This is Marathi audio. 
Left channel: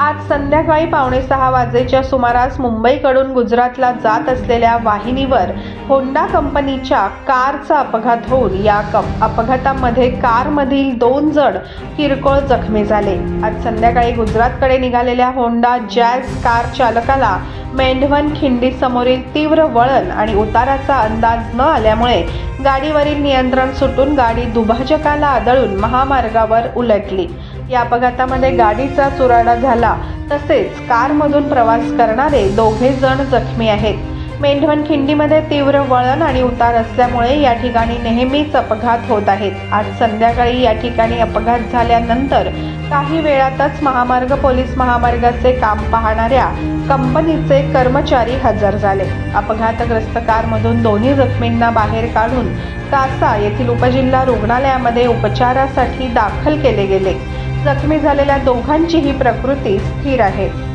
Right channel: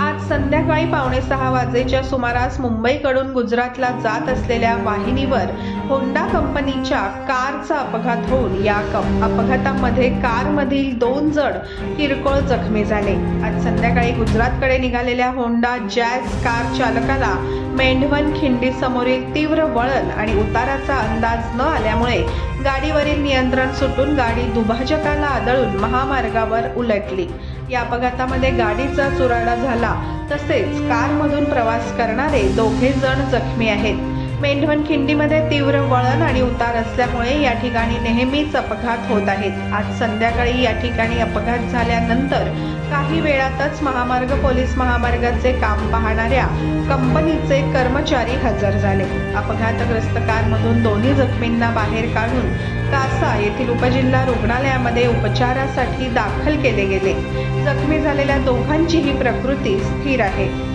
आज संध्याकाळी पावणे सहा वाजेच्या सुमारास मुंबईकडून गुजरातला जात असलेल्या वाहिनीवर होंडा कंपनीच्या कारचा अपघात होऊन या कप अपघातामध्ये कारमधील दोन जण किरकोळ जखमी झाले. आज संध्याकाळी गुजरातकडे निघालेल्या होंडा जॅझ कार चालकाला मेंढवन खिंडी समोरील तीव्र वळण आणि उताराचा अंदाज न आल्यामुळे गाडीवरील नियंत्रण सुटून गाडी दुभाजकाला आदळून महामार्गावर उलटली. या अपघातामध्ये गाडीचा चुराडा झाला. तसेच कारमधून प्रवास करणारे दोघे जण जखमी आहेत. मेंढवन खिंडीमध्ये तीव्र वळण आणि उतार असल्यामुळे या ठिकाणी नेहमीच अपघात होत आहेत. आज संध्याकाळी या ठिकाणी अपघात झाल्यानंतर काही वेळातच महामार्ग पोलीस महामार्गाचे काम पाहणाऱ्या कंपनीचे कर्मचारी हजर झाले. अपघातग्रस्त कारमधून दोन्ही जखमींना बाहेर काढून कासा येथील उपजिल्हा रुग्णालयामध्ये उपचारासाठी दाखल केले गेले. जखमी झालेल्या दोघांचीही प्रकृती स्थिर आहे.